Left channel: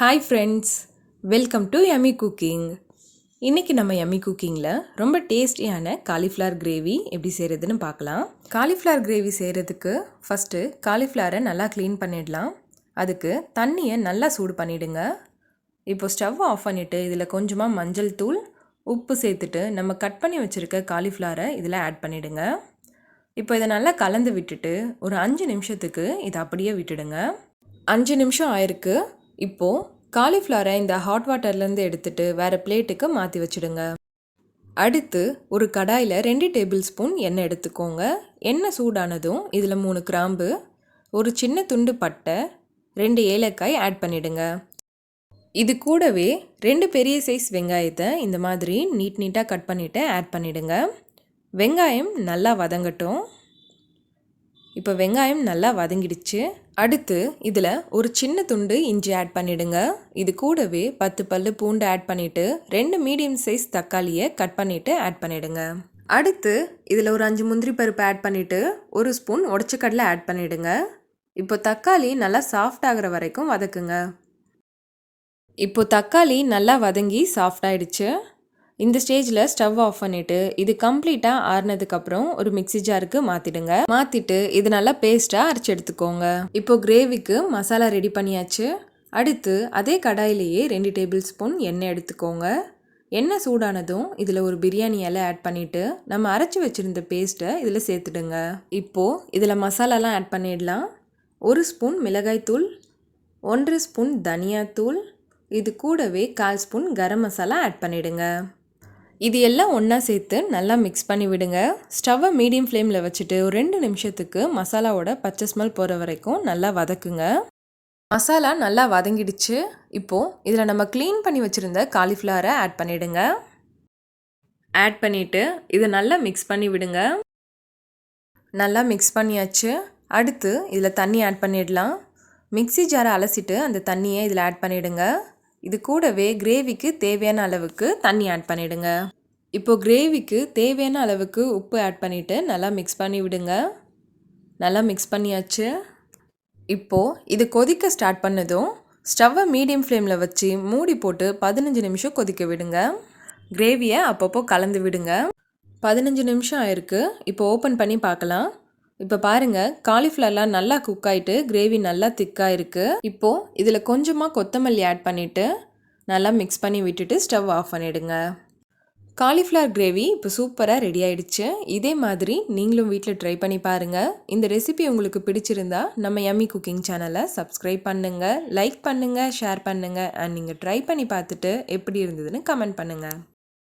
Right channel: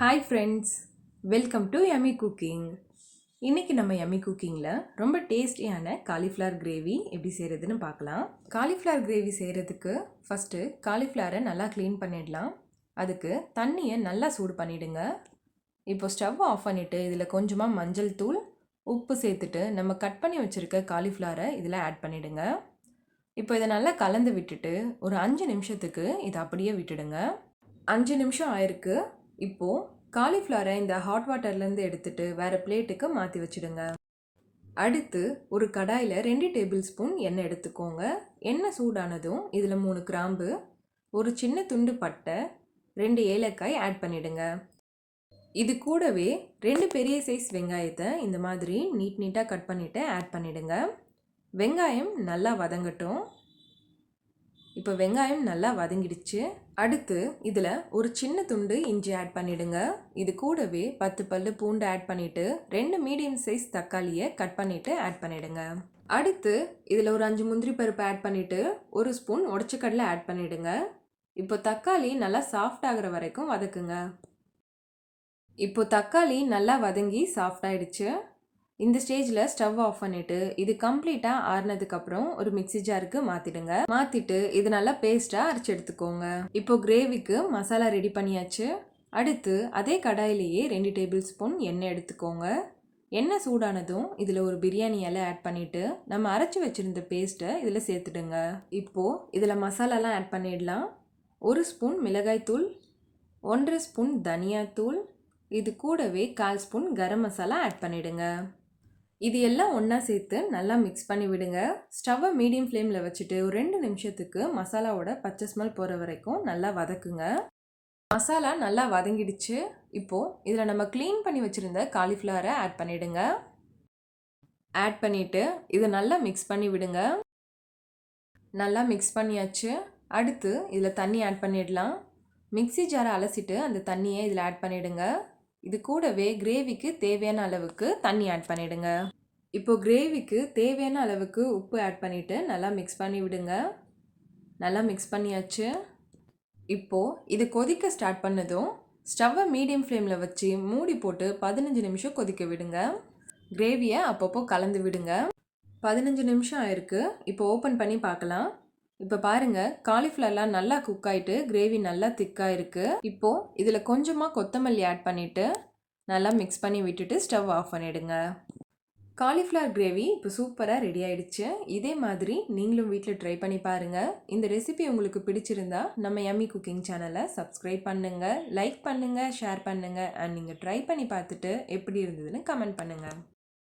Hi friends welcome to Emmy cooking இன்றைக்கி நம்ம Emmy குக்கிங்கில் ரொம்ப டேஸ்டியான காலிஃப்ளவர் கிரேவி எப்படி செய்கிறதுன்னு பார்க்கலாம். காலிஃப்ளவர் கிரேவி செய்கிறதுக்கு ஃபஸ்ட்டு காலிஃப்ளவரை நல்லா க்ளீன் பண்ணிடலாம். அதுக்கு தண்ணியை நல்லா சூடு பண்ணிவிடுங்க இப்போ ஸ்டவ் ஆஃப் பண்ணிவிட்டு இதில் கொஞ்சமாக மஞ்சள் தூள் உப்பு சேர்த்துட்டு நம்ம கட் பண்ணி வச்சுருக்க காலிஃப்ளவரை இதில் ஆட் பண்ணிவிடுங்க இப்போ இதை நல்லா கலந்து விட்டுட்டு ஒரு அஞ்சு நிமிஷத்துக்கு இதை அப்படியே விட்டுடுங்க. அஞ்சு நிமிஷம் ஆயிருக்கு. இப்போது காலிஃப்ளவரை இந்த ஹாட் வாட்டர்லேருந்து எடுத்துட்டு வேறு பிளேட்டுக்கு மாற்றி வச்சுடுங்க. அடுத்து ஒரு கடாயில் ரெண்டு டேபிள் ஸ்பூன் எண்ணெய் எடுத்துக்கோங்க. எண்ணெய் சூடானதும் இதில் மூணு கிராம்பு ஒரு சின்ன துண்டு பட்டை ரெண்டு ஏலக்காய் ஆட் பண்ணிடுங்க. இது கூடவே ரெண்டு பெரிய சைஸ் வெங்காயத்தை இந்த மாதிரி நீட் நீட்டாக கட் பண்ணிவிட்டு ஆட் பண்ணிவிடுங்க வெங்காயம் நல்லா வதங்கட்டும். இப்போ வெங்காயம் நல்லா வதங்கிடுச்சு. அடுத்து இதில் ஒரு சின்ன துண்டு இஞ்சி ஆட் பண்ணிவிடுங்க இது கூடவே பத்து பல் பூண்டு ஆட் பண்ணிவிட்டு ரெண்டு மீடியம் சைஸ் தக்காளியை கட் பண்ணிவிட்டு ஆட் பண்ணிவிடுங்க அடுத்து இதில் ஒரு அஞ்சு முந்திரி பருப்பு ஆட் பண்ணிவிட்டு ஒரு ஸ்பூன் உடச்சக்கடலை ஆட் பண்ணிவிடுங்க இப்போ தக்காளி நல்லா சாஃப்ட் ஆகிற வரைக்கும் வதக்குங்க. இப்போ தக்காளி நல்லா வதங்கி சாஃப்ட் ஆயிடுச்சு. இந்த ஸ்டேஜில் ஸ்டவ் ஆஃப் பண்ணிவிட்டு இது கம்ப்ளீட்டாக ஆறுனதுக்கப்புறம் ஒரு மிக்சி ஜாருக்கு மாற்றிடுங்க மாற்றிட்டு இது நல்லா பேஸ்ட்டாக அரைச்சி எடுத்துக்கோங்க. இப்போது கிரேவிக்கு மசாலா ரெடி பண்ணியாச்சு. அடுத்து அதே கடாயிலேயே ரெண்டு டேபிள் ஸ்பூன் எண்ணெய் எடுத்துக்கோங்க. எண்ணெய் சூடானதும் இதில் ஒரு பிரியாணி இலை ஆட் பண்ணிவிட்டு நம்ம அரைச்சி வச்சுருந்த பேஸ்ட்டை இதில் சேர்த்துடுங்க. இப்போது இதில் மசாலாலாம் ஆட் பண்ணிடலாம். ஒரு ஸ்பூன் மிளகாய்த்தூள் ஒன்றரை ஸ்பூன் தனியாத்தூள் இது கூடவே கால் ஸ்பூன் கரம் மசாலா ஆட் பண்ணிவிடுங்க இது எல்லாம் ஒன்றா சேர்த்து நல்லா மிக்ஸ் பண்ணி விடுங்க. ஸ்டவ்வை மீடியம் ஃப்ளேமில் வச்சுட்டு ஒரு ரெண்டு நிமிஷத்துக்கு மசாலாவோட பச்சை ஸ்மெல் போகிற வரைக்கும் நல்லா வதக்குங்க. மசாலா நல்லா வதங்கிடுச்சு. இப்போது இதில் நம்ம க்ளீன் பண்ணி வச்சுருந்த காலிஃப்ளவரை ஆட் பண்ணிவிடுங்க ஆட் பண்ணிவிட்டு இதை நல்லா மிக்ஸ் பண்ணி விடுங்க. நல்லா மிக்ஸ் பண்ணியாச்சு. அடுத்து இதில் தண்ணி ஆட் பண்ணிடலாம். மிக்சி ஜாரை அலசிட்டு அந்த தண்ணியை இதில் ஆட் பண்ணிவிடுங்க இது கூடவே கிரேவிக்கு தேவையான அளவுக்கு தண்ணி ஆட் பண்ணிவிடுங்க இப்போது கிரேவிக்கு தேவையான அளவுக்கு உப்பு ஆட் பண்ணிவிட்டு நல்லா மிக்ஸ் பண்ணி விடுங்க. நல்லா மிக்ஸ் பண்ணியாச்சு. இப்போது இது கொதிக்க ஸ்டார்ட் பண்ணதும் ஸ்டவ்வை மீடியம் ஃப்ளேமில் வச்சு மூடி போட்டு பதினஞ்சு நிமிஷம் கொதிக்க விடுங்க. கிரேவியை அப்பப்போ கலந்து விடுங்க. பதினஞ்சு நிமிஷம் ஆயிருக்கு. இப்போ ஓப்பன் பண்ணி பார்க்கலாம். இப்போ பாருங்கள் காலிஃப்ளவர்லாம் நல்லா குக் ஆகிட்டு கிரேவி நல்லா திக்காக இருக்குது இப்போது இதில் கொஞ்சமாக கொத்தமல்லி ஆட் பண்ணிவிட்டு நல்லா மிக்ஸ் பண்ணி விட்டுட்டு ஸ்டவ் ஆஃப் பண்ணிவிடுங்க காலிஃப்ளவர் கிரேவி இப்போ சூப்பராக ரெடி ஆயிடுச்சு. இதே மாதிரி நீங்களும் வீட்டில் ட்ரை பண்ணி பாருங்கள் இந்த ரெசிபி உங்களுக்கு பிடிச்சிருந்தா நம்ம எம்மி குக்கிங் சேனலை சப்ஸ்கிரைப் பண்ணுங்கள் லைக் பண்ணுங்கள் ஷேர் பண்ணுங்கள் அண்ட் நீங்கள் ட்ரை பண்ணி பார்த்துட்டு எப்படி இருந்ததுன்னு கமெண்ட் பண்ணுங்கள்